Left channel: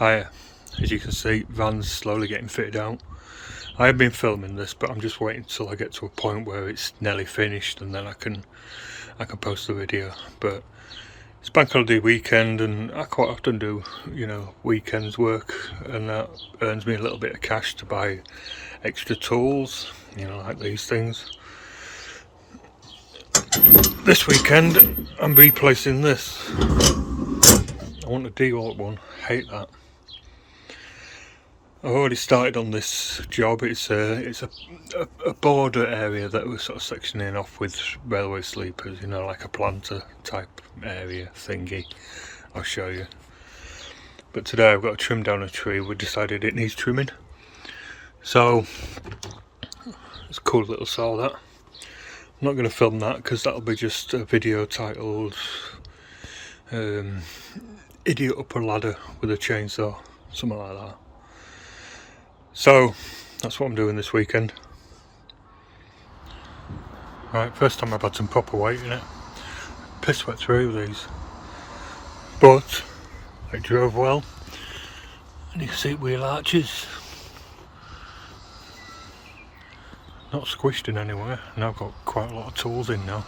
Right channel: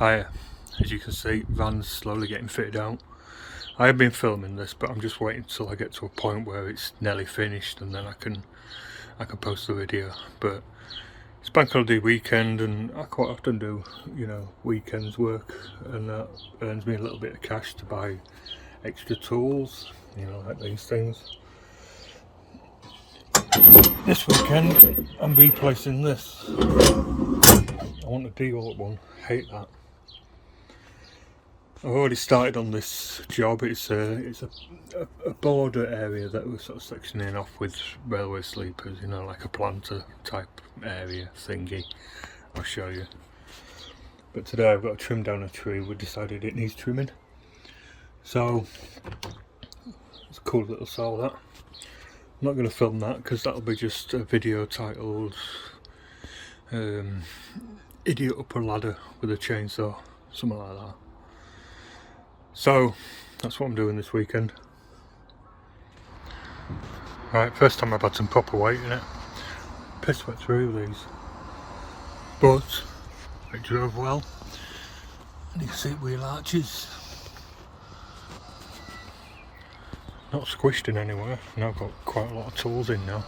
Hi, as you can see, van's slowly getting fitted out. I have been filming this, but I'm just waiting until I get to a point where it's nearly finished, and then I can post the video. But it's bank holiday weekend, and I quite often do, weekends work, and that earns me a little bit of cash to buy extra tools, like these things. This weekend, I'm replacing this. I want a Dewalt one. Hate that. I've already started on this job. It's a border area that we're sort of sectioning off with railway sleepers, like a planter type area thingy. I'll show you. But today I've got to trim down a tree. We decided it needs trimming. So it's a cool little saw that. I'm not going to film that because that'll be just a video titled Idiot Up a Ladder with a Chainsaw, something like that. So that's what I'm doing this weekend. Right, first time I've had some proper weight in it. Piss wet through these, but it drove well, and you can see wheel arches not squished in anywhere, and I've got quite a lot of tools in now.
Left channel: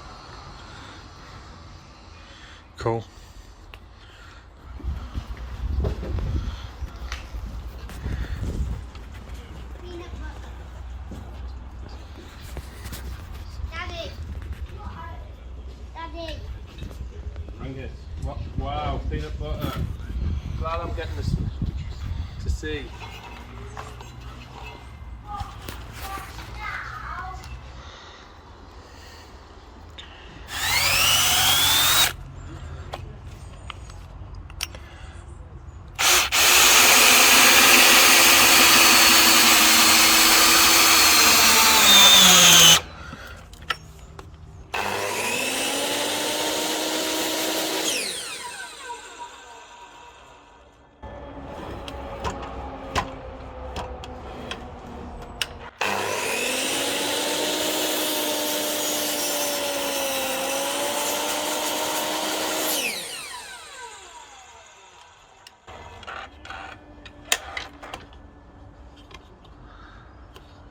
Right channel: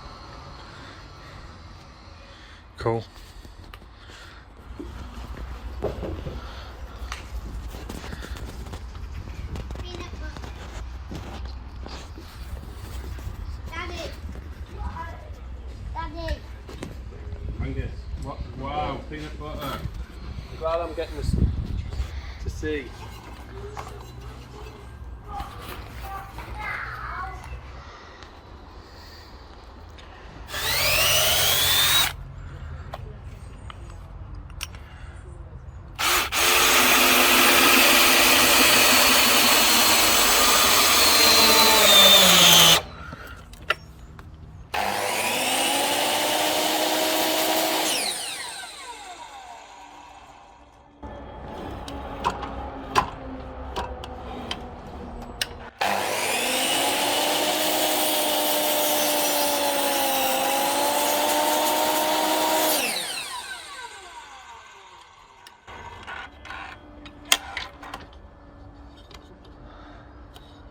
Cool. Angus, wow, peanut butter. I'm glad I'm getting this to see.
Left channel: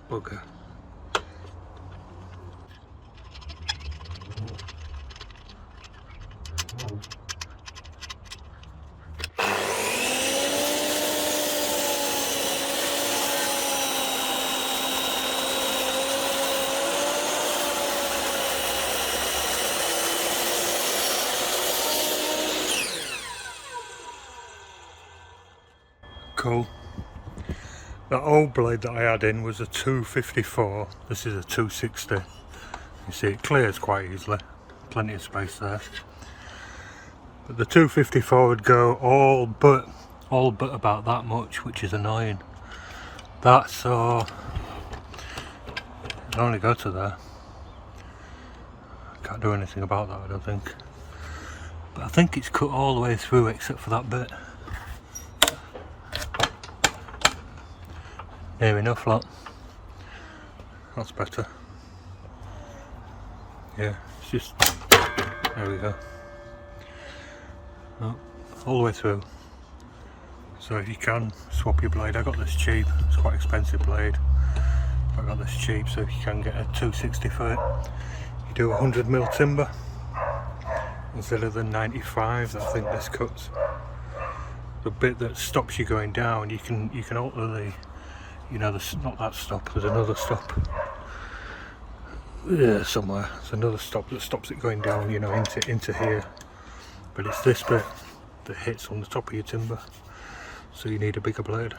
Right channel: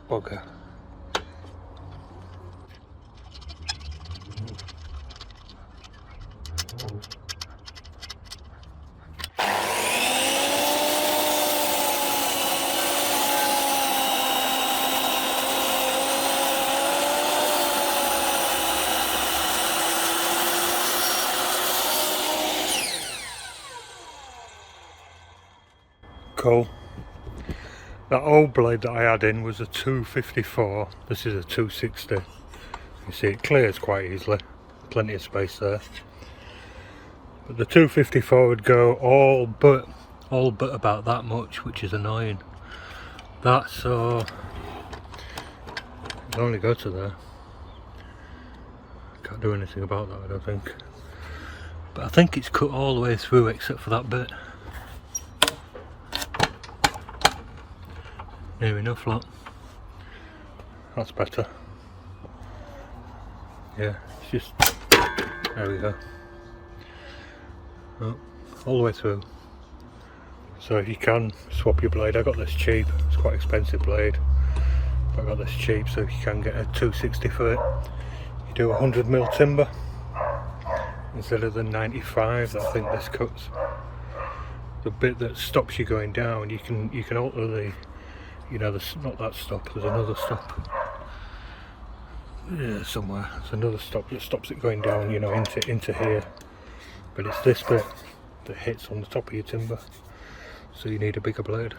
Bugger. Cool. That old blade that I had in was a 254, this is a 260. You see it clears quite easily, plenty of space there. But the 254 would go all but about that much, which is annoying. That saw it'll only go to there. Can't do anything about that, I don't think. But I think it's cut all the way through except for that bit. Near enough, lot. That's better. Yeah, it's just, there we go. Oh, all the way through. So if you can swap your blade, I got this cheap. It's quite an expensive blade, but I got this cheap. So if you can get a 260 for it, you do 100mm timber instead of the 95 that I think this cuts. The bit that stops you going down, you can alter the. There's not that stop, there's another stop. Yeah, somewhere. There's another stop that stops it going down, into here. But it's this bit that hits on the top of your timber. So you need a bigger blade.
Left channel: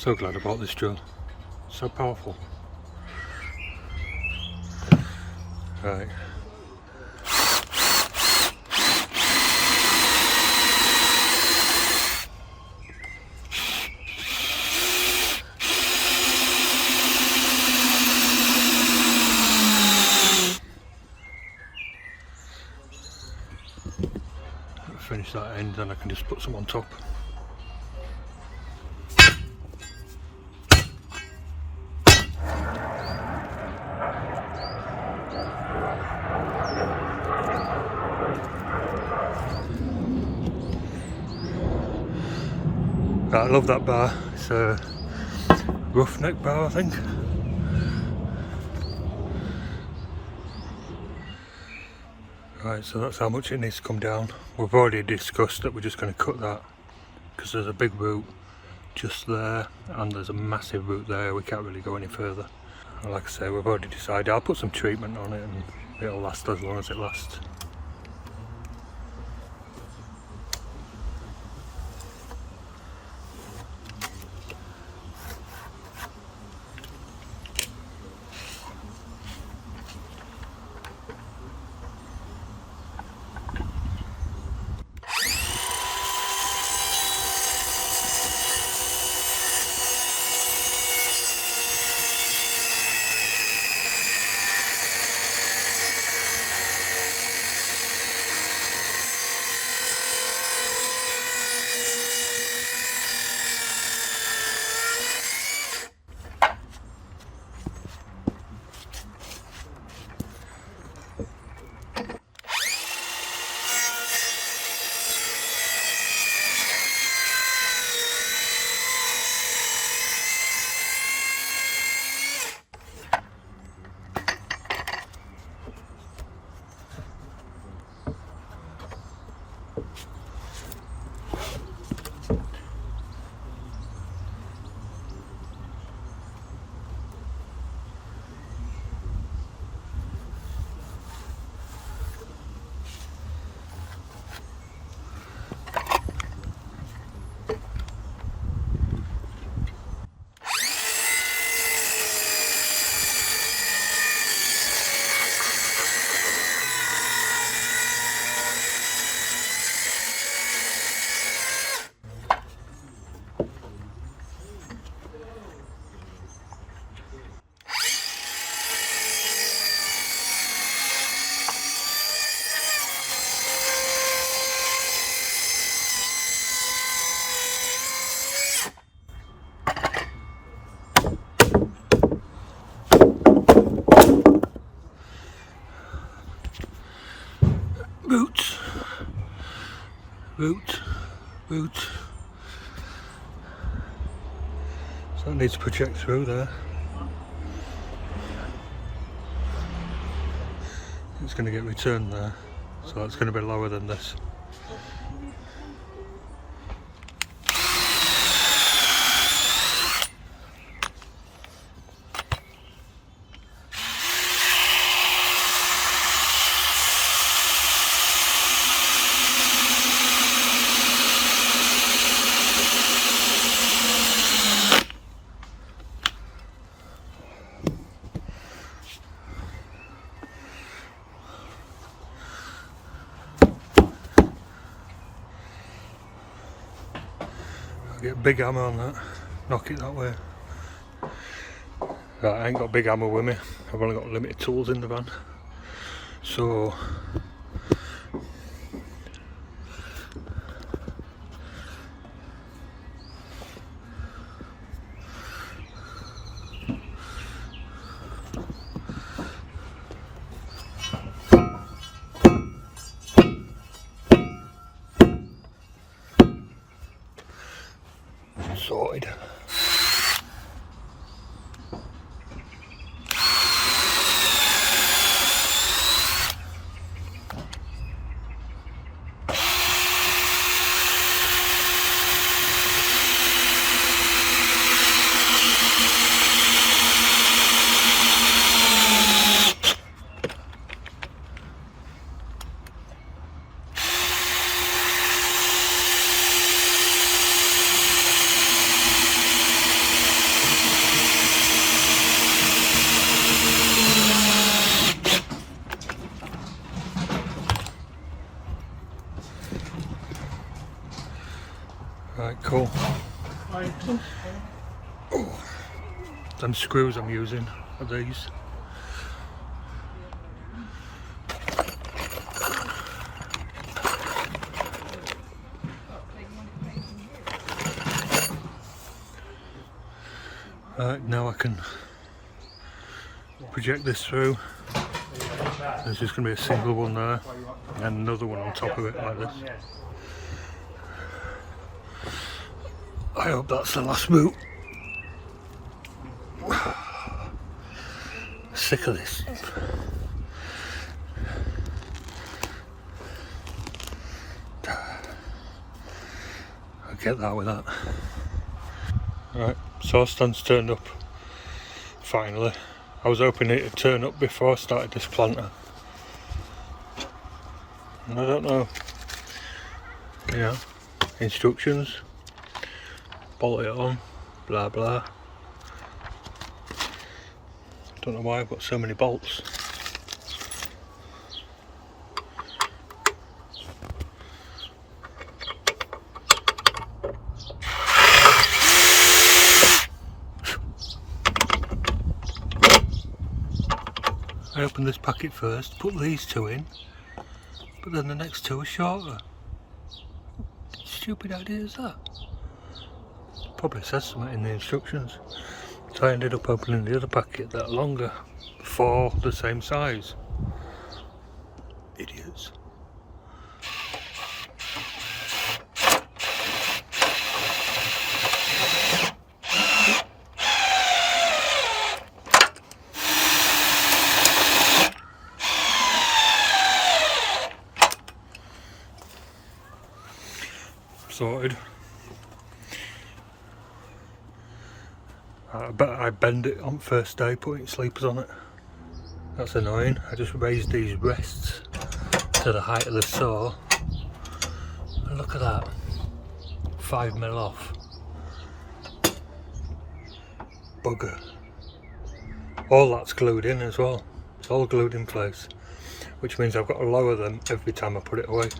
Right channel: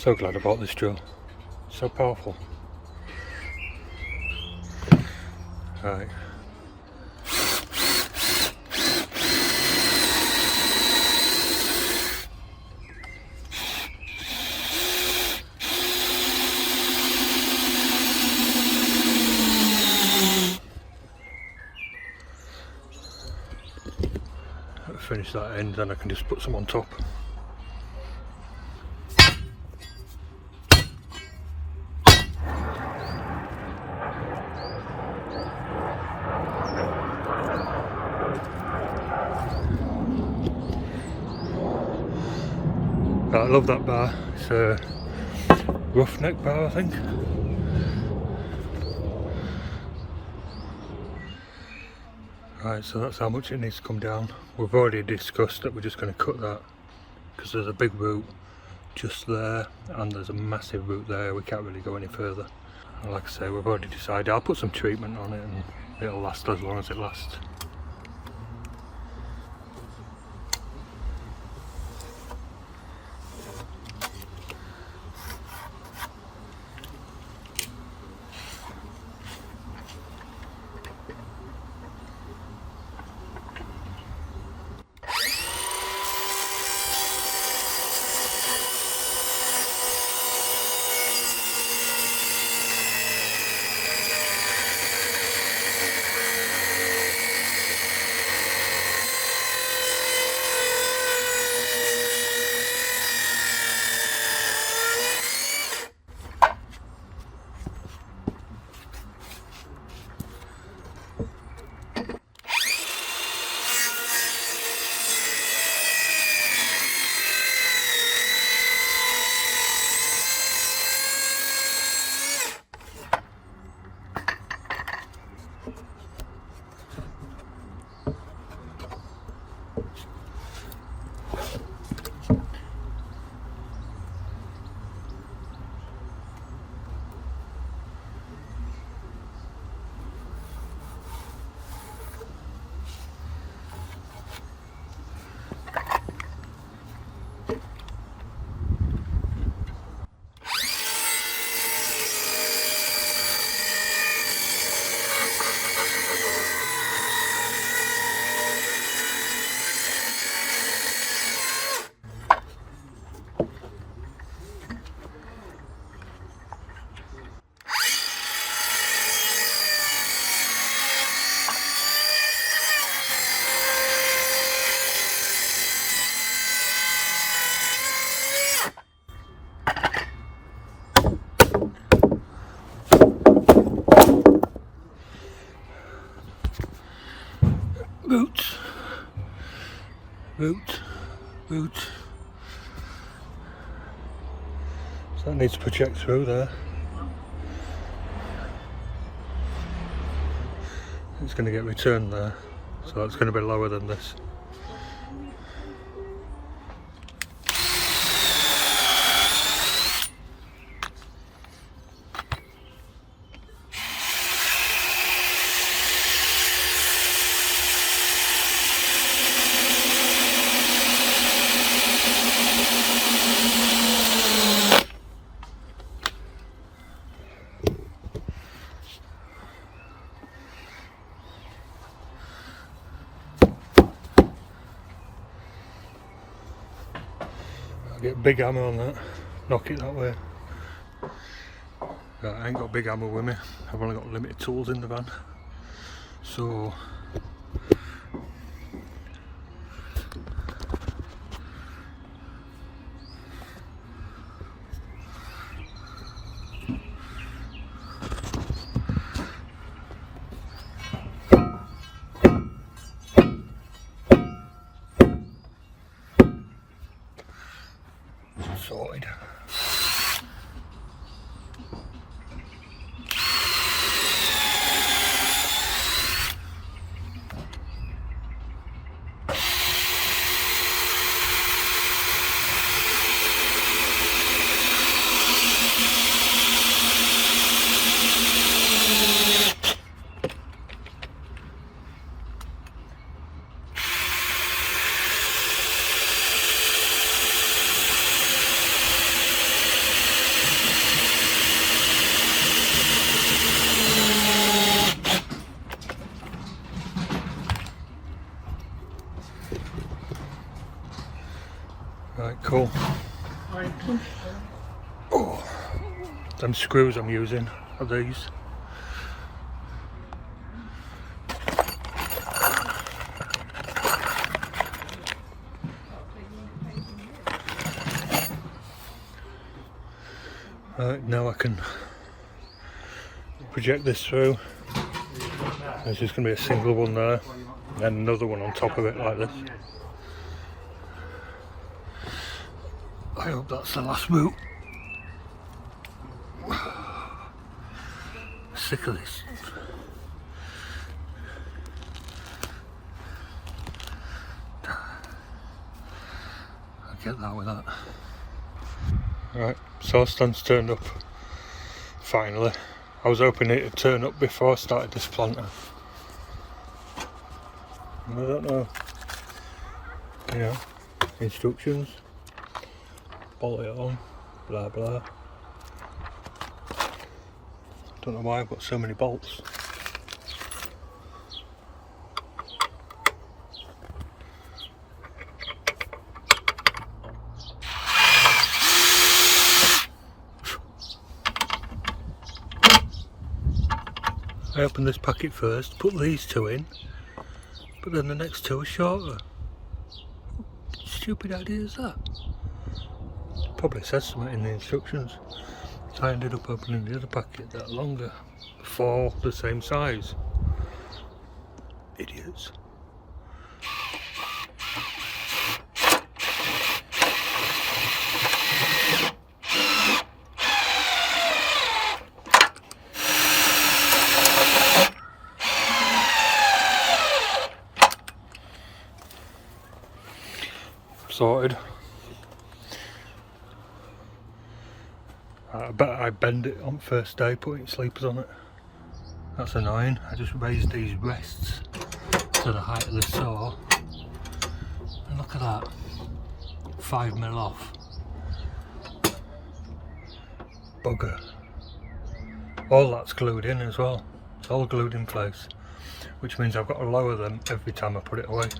So glad I bought this drill. So powerful. Right. finish that end, then I can just put some on top. I love that bar. It's a roughneck bar, I think. Right, so that's how much it needs to come down. We've already discussed that we're just going to cut that because there's a big root just there and there's a massive root there. We can't really go any further. And like I say, we've already decided I'll put some treatment on it and it'll last as long as it lasts. Root. So that needs to project through there. It's going to get returned there, so that's going to be lower than this. I'll get a big hammer on that, knock it that way. Right, I ain't got a big hammer with me, I've only got limited tools in the van. So sorted. Right, cool. Oh, them screws I'm using are these. Right, now I can project this through. There's just going to be a single one there, and then another one on top of it like this. I hope that's the last boot. Sick of this. I'll get that with that. Right, sauce stand's turned up. Finally. I was hoping it would turn up before I started this planter. And I don't know. You know, instructions. Bolt it on. Blah blah. I don't know why I've got so many bolts. I opened this packet first, put these two in, but then the next two are shorter. What stupid idea is that? Probably says something in the instructions. So I ended up opening the other packet that are longer, for the same size. Idiots. Sorted. I bet I bend it on first day putting sleepers on it. That's annoying. I just raised these rests to the height of the saw. And look at that. 5mm off. Bugger. All that's glued in as well. It's all glued in place. Which means I've got to lower them every time I put it away.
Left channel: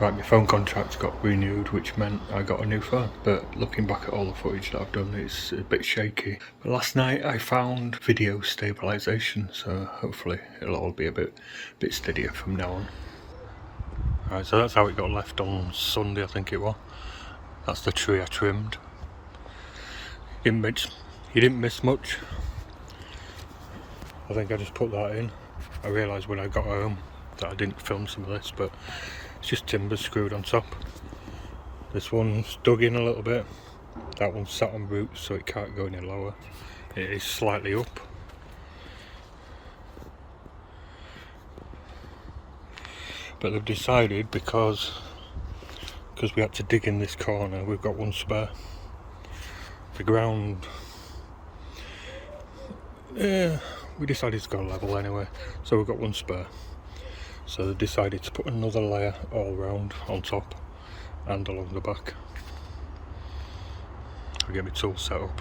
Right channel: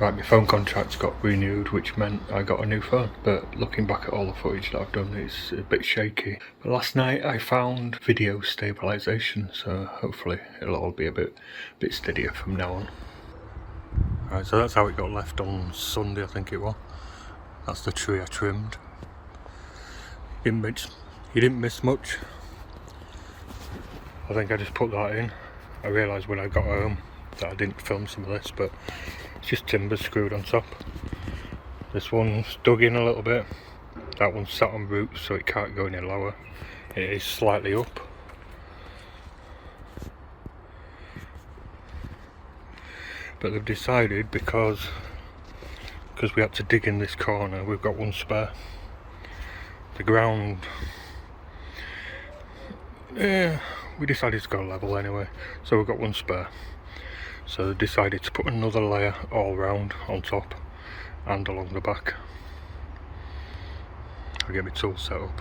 Right, my phone contract got renewed, which meant I got a new phone, but looking back at all the footage that I've done, it's a bit shaky. But last night I found video stabilisation, so hopefully it'll all be a bit steadier from now on. Right, so that's how it got left on Sunday, I think it was. That's the tree I trimmed. You didn't miss much. I think I just put that in. I realised when I got home that I didn't film some of this, but it's just timber screwed on top. This one's dug in a little bit. That one's sat on roots, so it can't go any lower. It is slightly up. But they've decided because we had to dig in this corner, we've got one spare. The ground, we decided to go level anyway, so we've got one spare. So they decided to put another layer all round on top and along the back. I'll get my tool set up.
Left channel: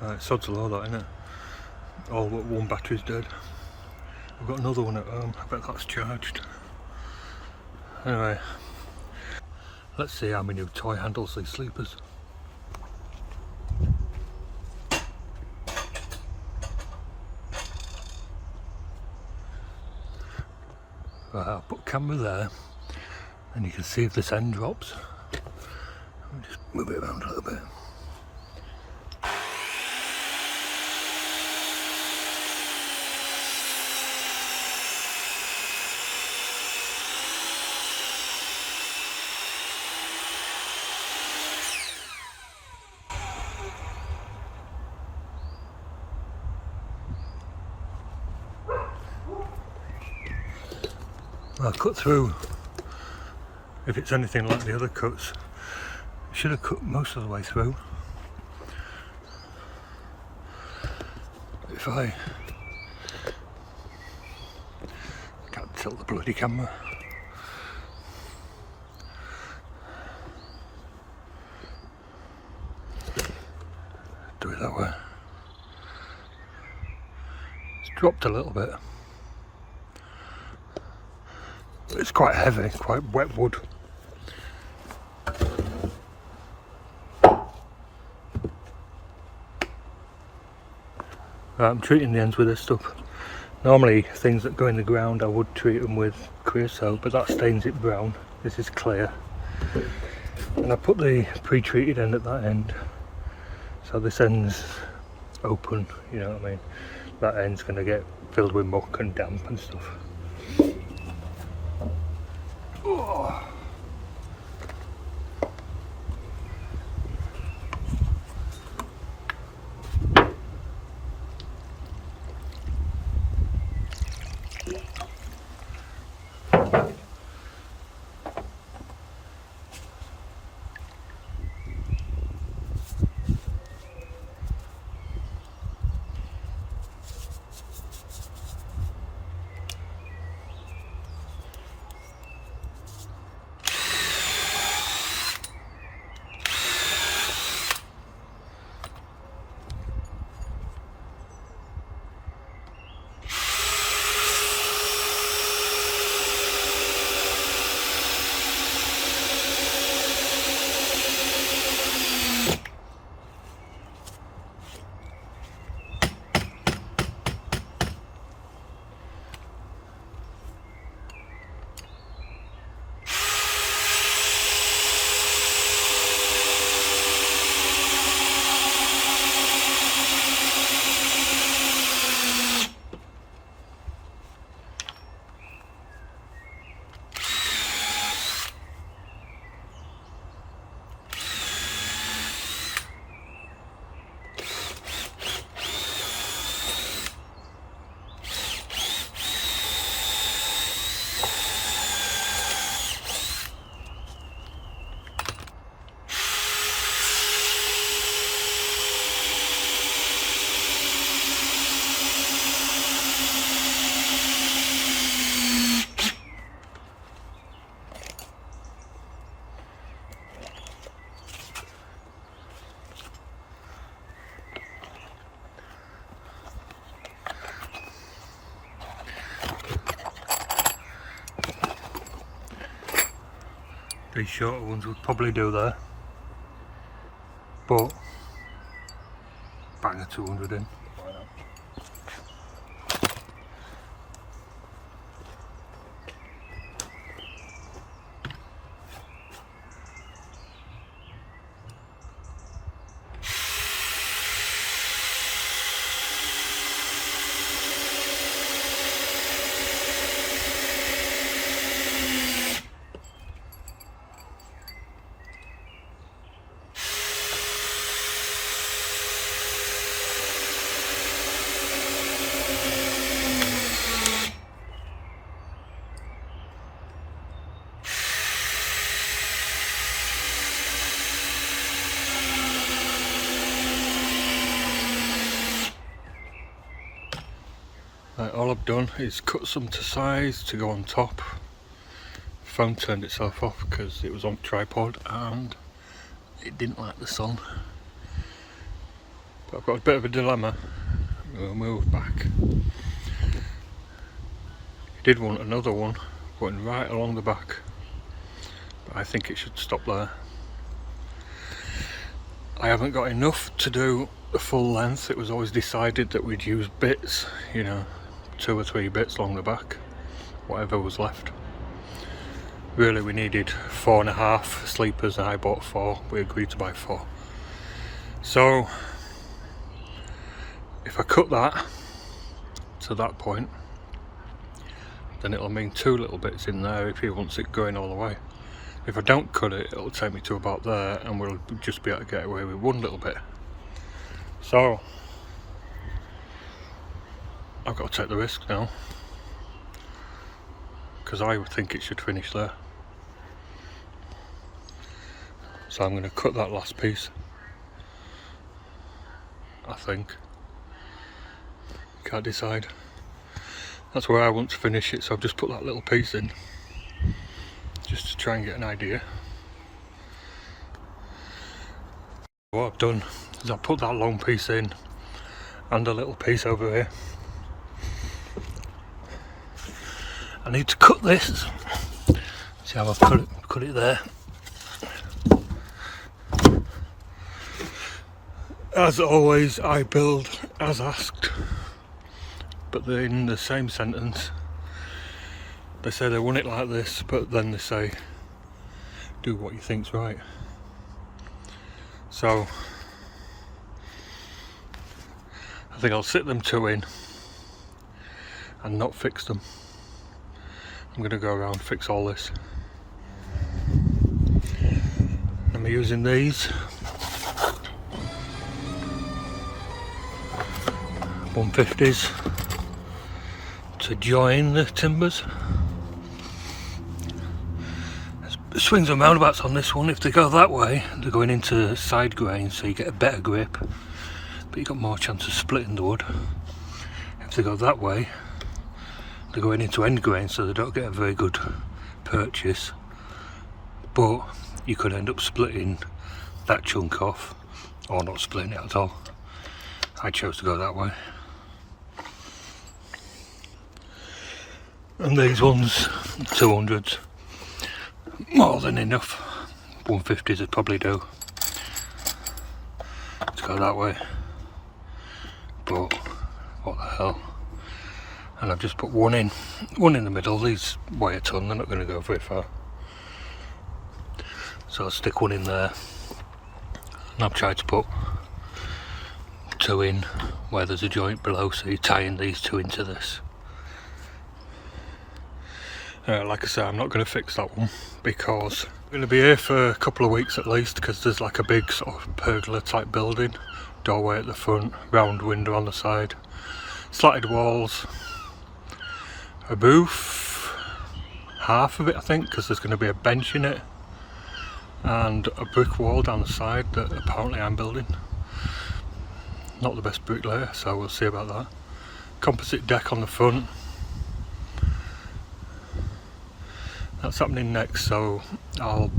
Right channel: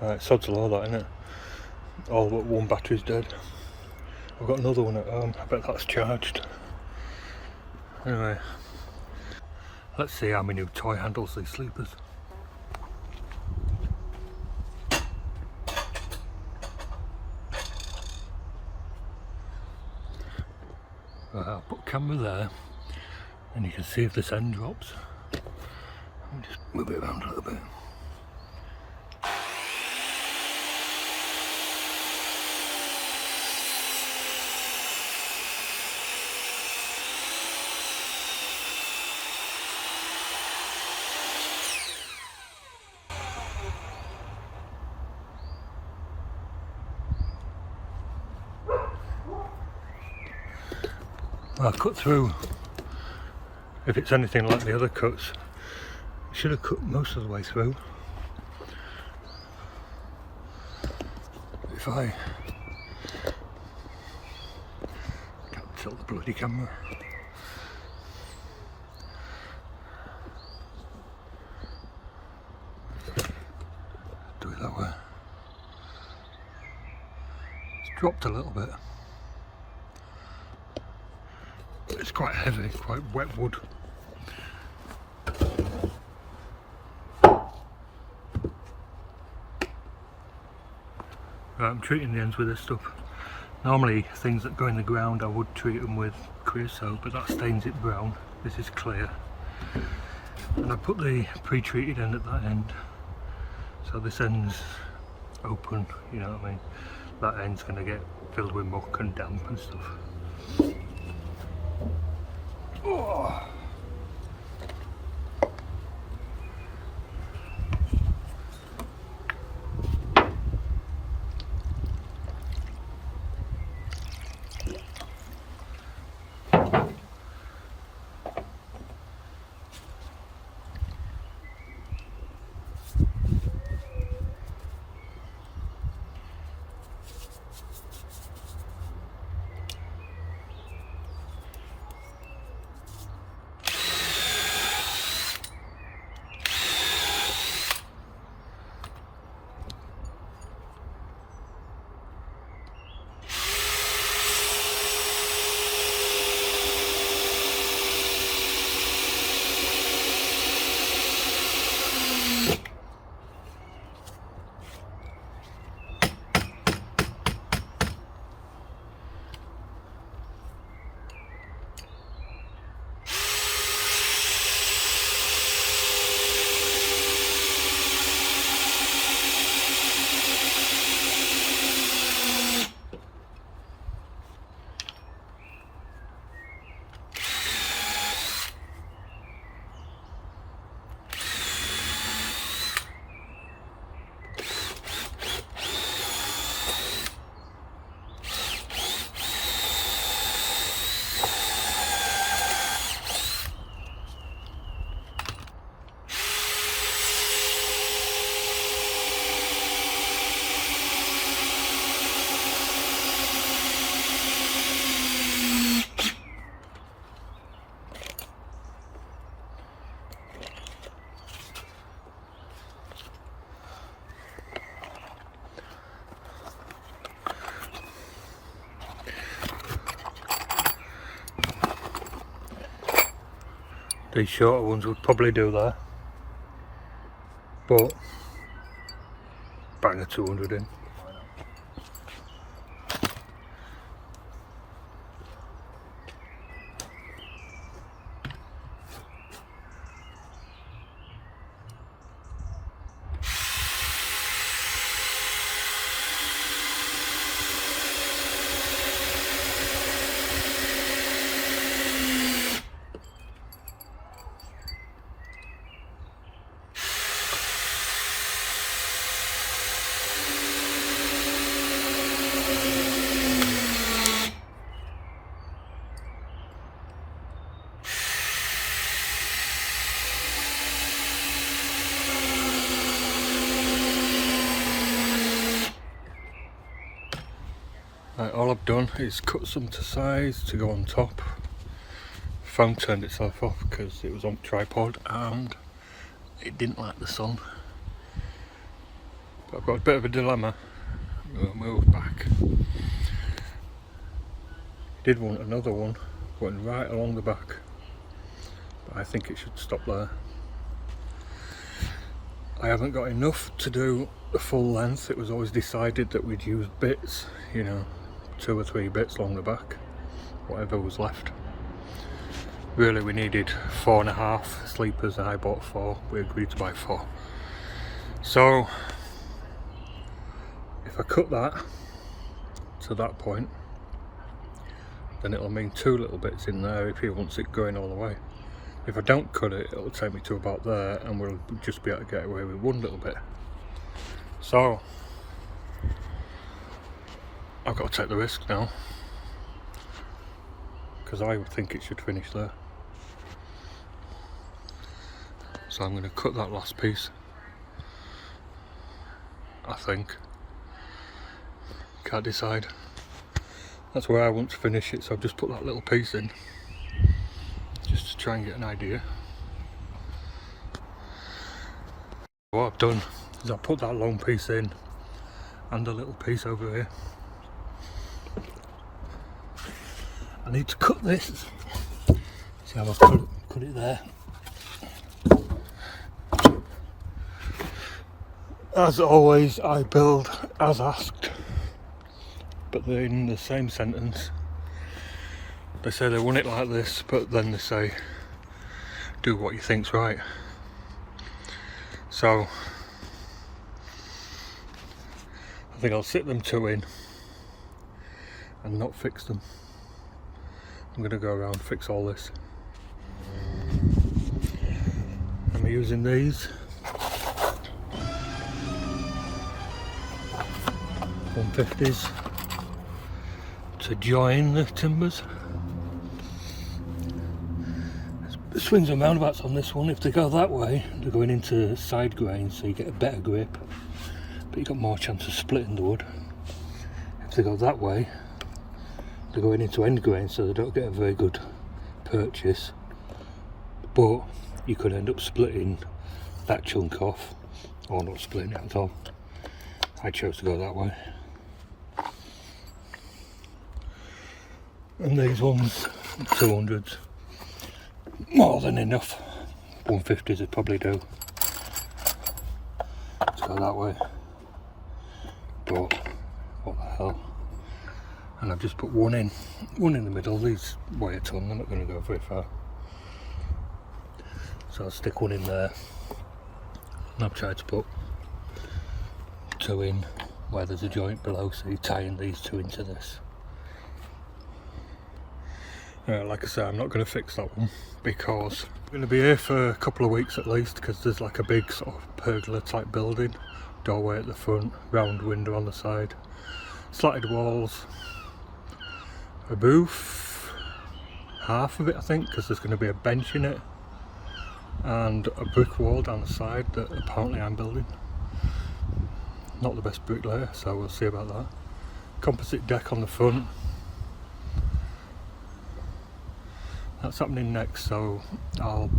Right, sod's a law that, innit? All but one battery's dead. I've got another one at home, I bet that's charged. Anyway, let's see how my new toy handles these sleepers. Right, I'll put a camera there and you can see if this end drops. I'll just move it around a little bit. I'll cut through. If it's anything like the other cuts, I should have cut most of the way through. If I can't tilt the bloody camera. Do it that way. It's dropped a little bit. It's quite heavy, quite wet wood. I'm treating the ends with this stuff. Normally things that go in the ground I would treat them with creosote, but that stains it brown. This is clear. And I put the pre-treated end at that end. So this end's open, you know what I mean? That end's going to get filled with muck and damp and stuff. Oh. These shorter ones would probably do there, but bang a 200 in. Why not? Right, all I've done is cut some to size to go on top. Phone turned itself off because it was on tripod and it didn't like the sun. But I've got a bit of a dilemma. We'll move back. I did want another one going right along the back, but I think it should stop there. I haven't got enough to do the full length. It was always decided that we'd use bits, you know, 2 or 3 bits along the back, whatever was left. Really we needed 4.5 sleepers and I bought 4. We agreed to buy 4. So if I cut that to that point, then it'll mean 2 little bits in there if he wants it going all the way. If I don't cut it, it'll take me to about there and we'll just be able to get away with 1 little bit. So I've got to take the risk now, because I would think it should finish there. So I'm going to cut that last piece, I think. Can't decide. That's where I want to finish it, so I've just put that little piece in just to try and get an idea. What I've done is I've put that long piece in and a little piece over here. I need to cut this. See how I've cut it there. As always, I build as asked, but they're in the same sentence. They say they want it like this, but then they say do what you think's right. So I think I'll sit them 2 in and not fix them. I'm going to go around and fix all this. I'm using these 150s to join the timbers. There's swings and roundabouts on this one. If they go that way, they're going into side grain, so you get a better grip, but you've got more chance of splitting the wood. If they go that way, they're going into end grain, so they don't get a very good purchase, but you could end up splitting that chunk off or not splitting it at all. I chose to go that way. And these ones, 200s, more than enough. 150s would probably do to go that way, but what the hell. And I've just put one in the middle. These weigh a ton, they're not going to go very far, so I'll stick one in there. And I've tried to put 2 in where there's a joint below, so you're tying these 2 into this. Like I say, I'm not going to fix that one because I'm going to be here for a couple of weeks at least, because there's like a big sort of pergola type building, doorway at the front, round window on the side, slatted walls, a booth, half of it I think, because there's going to be a bench in it, and a brick wall down the side that apparently I'm building. Not the best bricklayer, so we'll see about that. Composite deck on the front. That's happening next, so I'll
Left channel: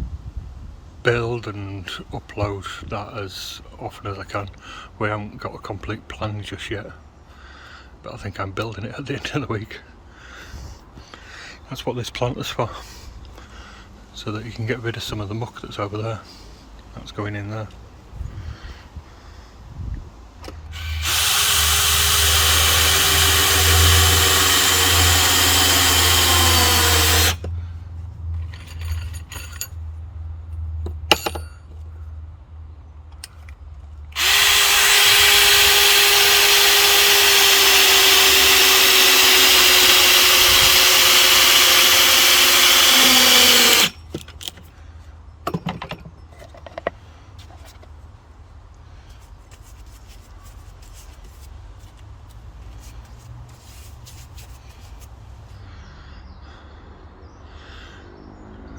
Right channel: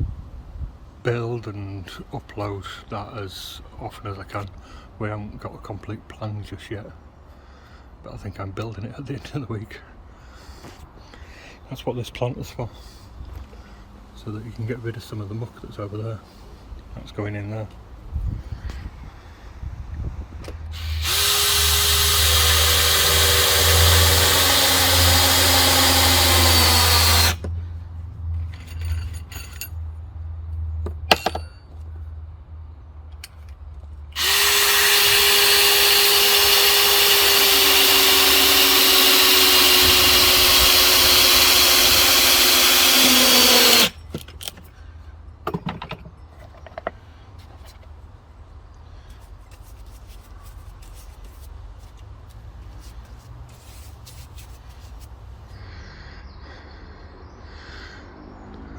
build and upload that as often as I can. We haven't got a complete plan just yet, but I think I'm building it at the end of the week. That's what this plant is for, so that you can get rid of some of the muck that's over there. That's going in there.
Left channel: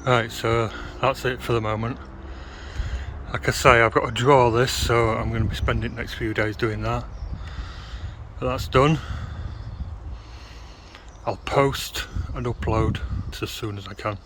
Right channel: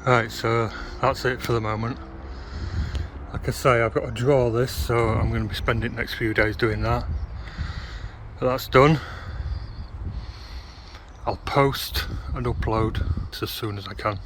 Right, so that's it for the moment. Like I say, I've got to draw this, so I'm going to be spending the next few days doing that. But that's done. I'll post and upload as soon as I can.